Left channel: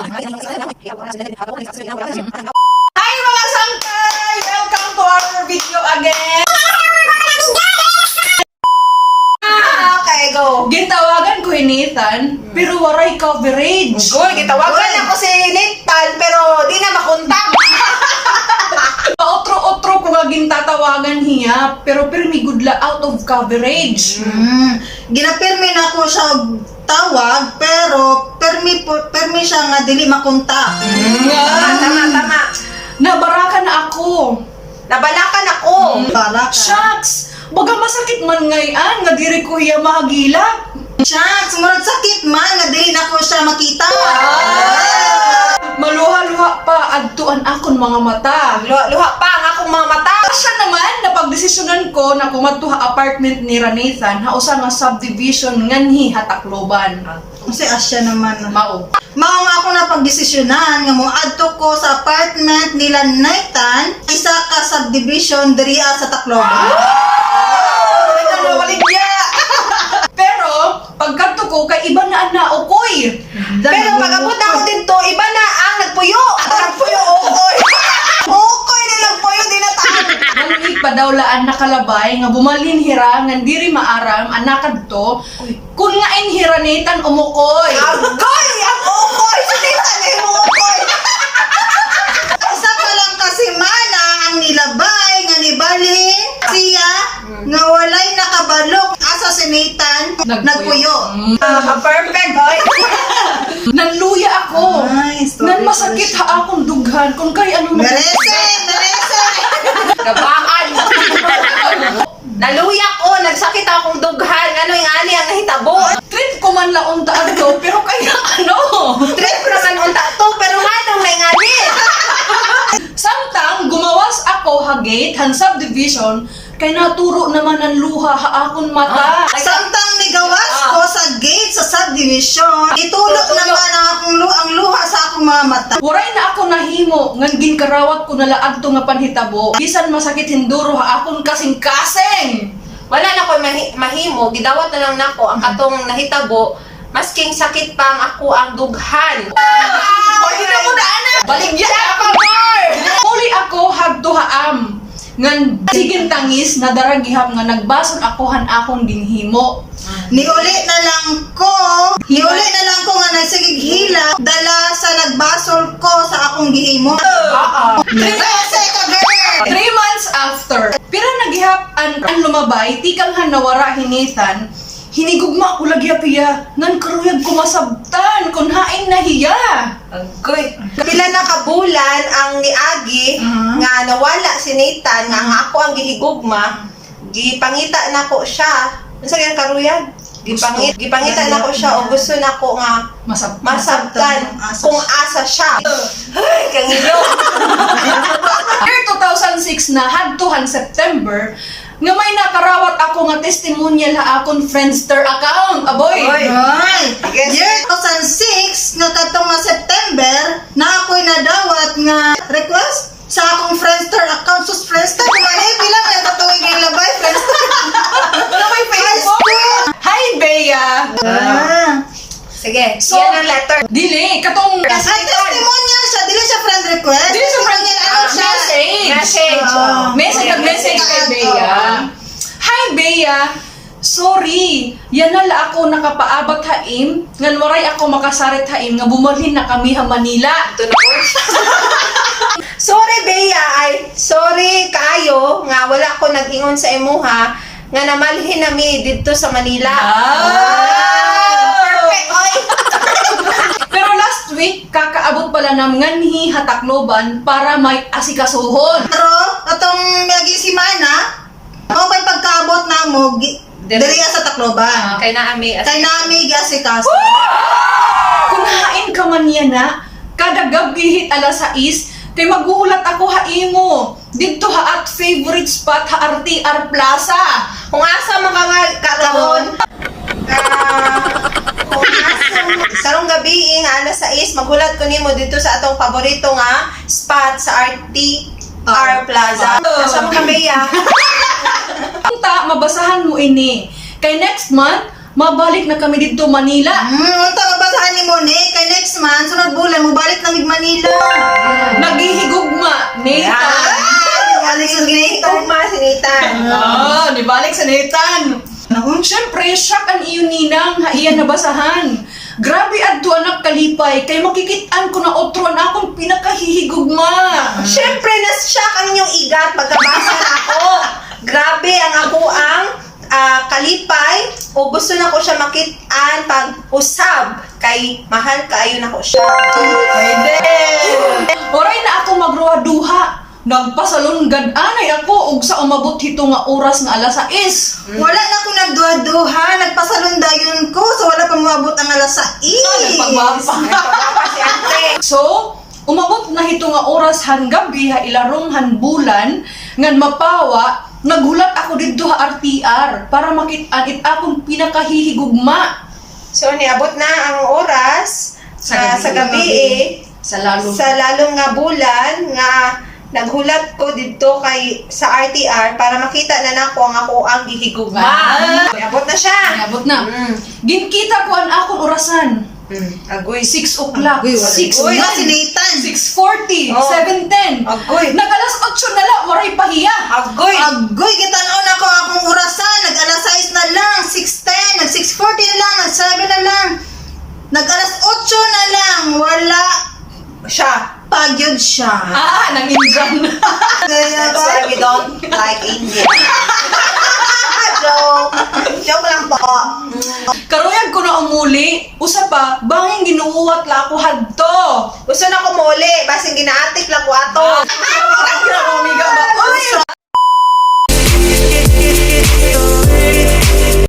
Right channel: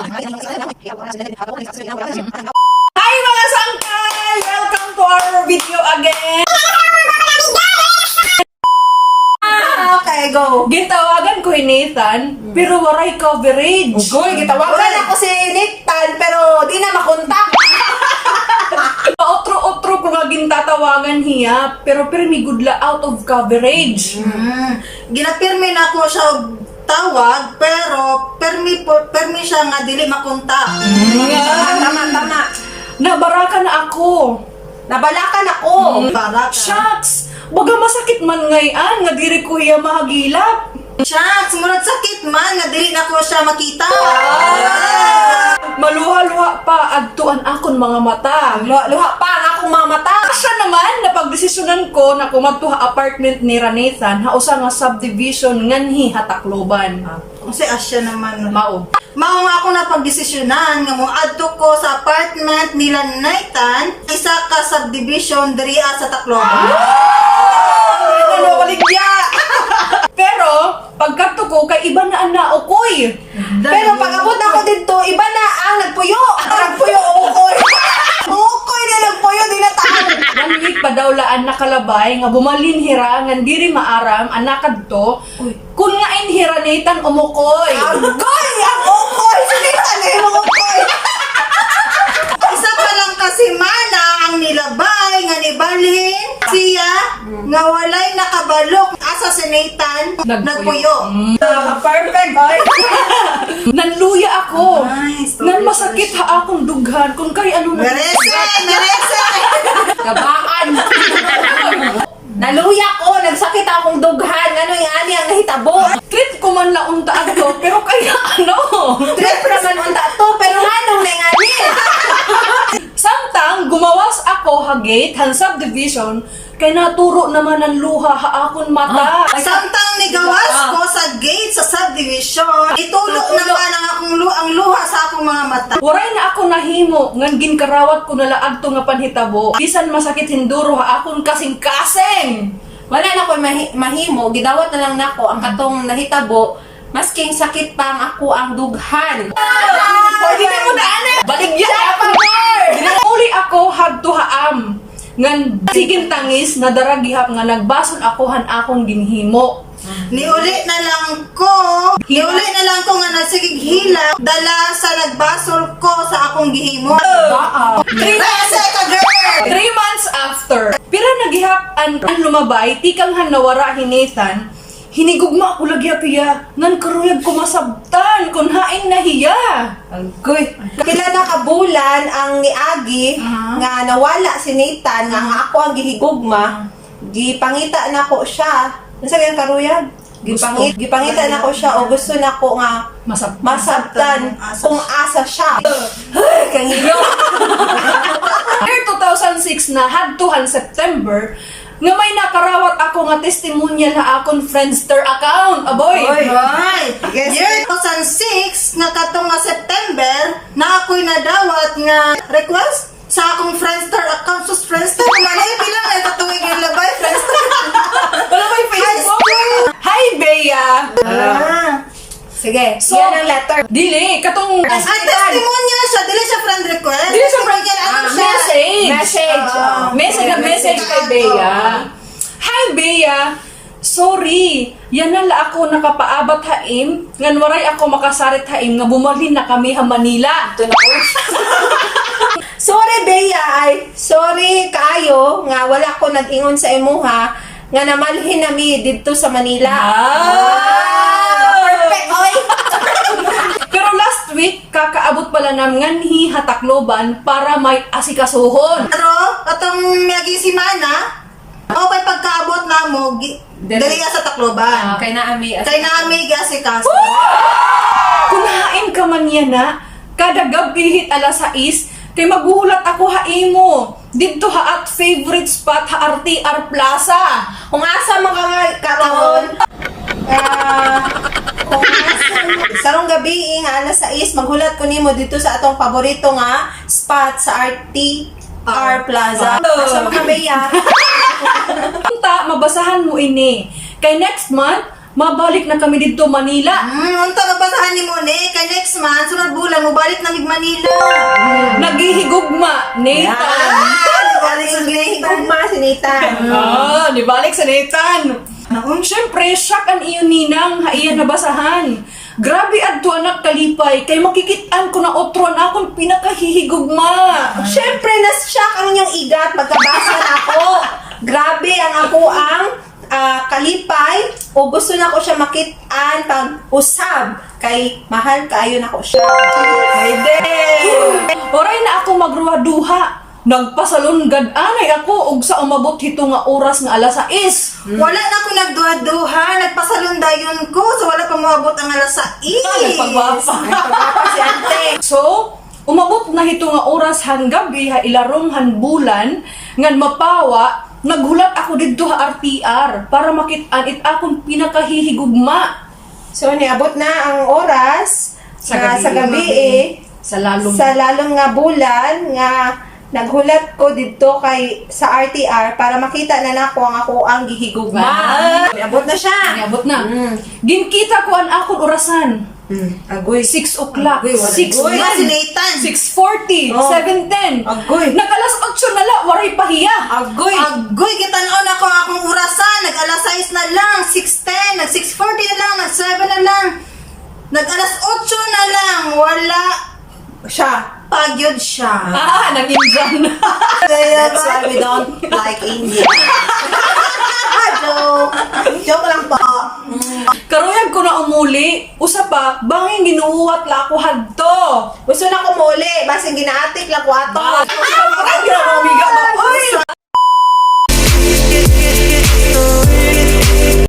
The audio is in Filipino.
Hi mga sangkal! Welcome to our video again! Okay, go! Gitawagan ko ni Nathan, pero waray coverage. Goy, gitawagan ako si Nathan, pero di na makontak. Otro ko nga gintatawagan hiya, pero pirmi gudla out of coverage. Ginapirmi na ko siya tawag, pero permi siya nga dili makontak. Tama. Nabaraka na ako. Nabalakan ako. Baraka. Shucks! Baga masakit man ngayon, nga diri ko hiya mahagilap. Shucks, murag sakit man nga dili na ko siya makita. Maluha-luha pa, agtuan akon mga mata. Luha pa ang akong mga mata. Siya naman, napagdesisyonan ko na kumatuha apartment ni Nathan, hausa nga subdivision nganhi hatakloban. Kasi asya naman. Mao. Mao nga ako na pagdesisyonan nga moadto ko sa apartment nila Nathan, isa ka subdivision diri sa Tacloban. Ano, baligya! Pero, pagkadto ko, kay iba na ang naokoy. Pero pag abot ako dito, iba na ang nagpuyo. Nagpuyo, okoy. Okoy na nagpuyo, di na tayo. Maluig pa daw laan nakalabay nga bumalin hira nga diri maaram anakad to. Kun nga inhira Nathan umukoy. Agoy! Ang okoy! Sinita na yung okoy. Isa pa lang kasi mana ang nilabay nga nibalhin siya nga walay nakabalok asa si Nathan nagpuyo. Perfect, boy. Nanluya ako. Ay, sorry, Nan masakit sorry. ha akong dughan kung kay ano na. Merese! Gabaan. Naluya ko, nagsakit akong dughan. Ano yung ani ang nahitabo? Trip ko man laon taad to, pero kaya ano? Trip naman unta to, pero hanong na yung ani. Samtang gumawas ako hagate han subdivision kay naturo naman ang luha ha akon mata. Samtang nigawas ko sa gate sa subdivision, itulog naman ang luha sa akong mga mata. Waray na ako nahimo ngan ginkarawat ko na laag to nga panhitabo. Bisan masakit hinduro ha akon kasing-kasing. Wala na ko mahimo, gidawat na lang nako ang katong nahitabo, masking sakit pa ang ako ang dughan. Pwede na mo daanan. Baligyan ako, Uli ako hagtuhaam. Ngan siging tangis na daragihap nga nagbasol ako han akong ginhimo. Niuli na lang ko nga nagsigig hila dala sa nagbasol ko sa akong gihimo. Merese ka girl! 3 months after, pira nagihap ang lumabay, tikang han nawara hinethan, hinigugma ko lagi piya, ngan karuyag ko masabtan, kung haing nahiya. Agoy. Pila na kabulan ang niagi nga nawala si Nathan nga ako ang gihigugma. Gipangita na ko siya. Unsa gyud karuyag? Gipangita na ko siya o gusto na ko nga masabtan kung asa siya. Ay, kangiyo. Year 2006 na hadtuhan September, nga may nakarawat ako nga testimonial na akong Friendster account. Aboy! Ay, year 2006 nga katong nga September na ako'y nadawat nga request sa akong Friendster account. Sus Friendster, kumanay bilang na katuwing ilabay Friendster. Wala may Facebook? Hi, Bea! Sige, So, yan ang letter. Dili, katong... Ay, testimonial siya, dili siya friend request. Dili siya friend- Testimonial, ano siya? Message. Message. Message, nag-message kay Bea. Hi, Bea! Sorry, yan na la ako nakapaabat haim, ngan waray ako makasarit haim, nga bumalhin na kami ha Manila. Ito na ko. Sorry, Bea. Ay, sorry kaayo nga wala ko nag-ingon sa imuha nga namalhin nami dito sa Manila. Perfect, oy. Pero last week, kakaabot pala ng nganhi hatakloban para may asikasuhon. Pero, atong miyagi si Mana, o pa'y pagkaabot na mo, dili sa Tacloban. Kay naami. Kay nami gasikaso. Kunain ka man yan na, kada gabi hit alas 6, kay magulat ako haimo. Dito ha at favorite spot ha RTR Plaza. Kung asa man ka nga karon, kung asa sarong gabi nga alas 6 maghulat ko nimo dito sa atong paborito nga spot sa RTR Plaza. Asa man ka Bea? Punta, mabasahan mo ini. Kay next month, mabalik na kami dito Manila. Unta mabasahan ni mo ni kay next month sunod bulan mo balik na mig Manila. Naghihigugma, Nathan. Balik sa Nathan. Tugma si Nathan. Nibalik sa Nathan. Siyempre, shock ang iyon ninang, haiyan nabasahan. Grabe adto anak kalipay, kay makikitaan ko na otron akong pinakahihigugma. Siyempre, na-shock ang inyong igat pagkabasa na ako. Grabe ang ako ang kalipay o gusto na ko siya makitaan pag usab kay mahal kaayo na ko siya. Pwede. Oray na ako magruha-duha. Nagpasalunggad anay ako ug sa umabot hito nga oras nga alas 6. Wala na ako nagduha-duha, nagpasalundayon ko, so wala pa moabot ang alas 6. Nagpagwapa. Nagpagwapa si Ante. So, umabot na hito nga oras han gabi ha ilarong han bulan ngan mapawa naghulat ako didto ha RTR para makitaan it akong pinakahihigugma So, niabot na ang oras Sa sa gabi. gabi sa lalong sa lalong nga bulan nga naghulat ko dito kay sa RTR para makita na nako ang ako ang gihigugma. Niabot na siya. Niabot na. Ginkita ko ang akong orasan. Agoy. 6 o'clock. Agoy, wala. 6 Uy, si Nathan. 6:40, Oh. 7:10. Agoy. Nag-alas 8 na lang, waray pahiya. Agoy. Agoy, kitanaon ako akong orasan. Nag-alas 6 na lang, 6:10, nag-6:40 na lang, nag-7 na lang. Nag-alas 8 na lang, wala Siya. pagyod siya. Nang Indian. Kaya That's why we don't like India. Joke. Joke lang po. Karuyag ko na umuli. Usa pa, banging ginuuwat la ako hadto. Gusto na ko muli. Basing ginaatik lang ko ato. Ay, grabe, amiga ba? Uy,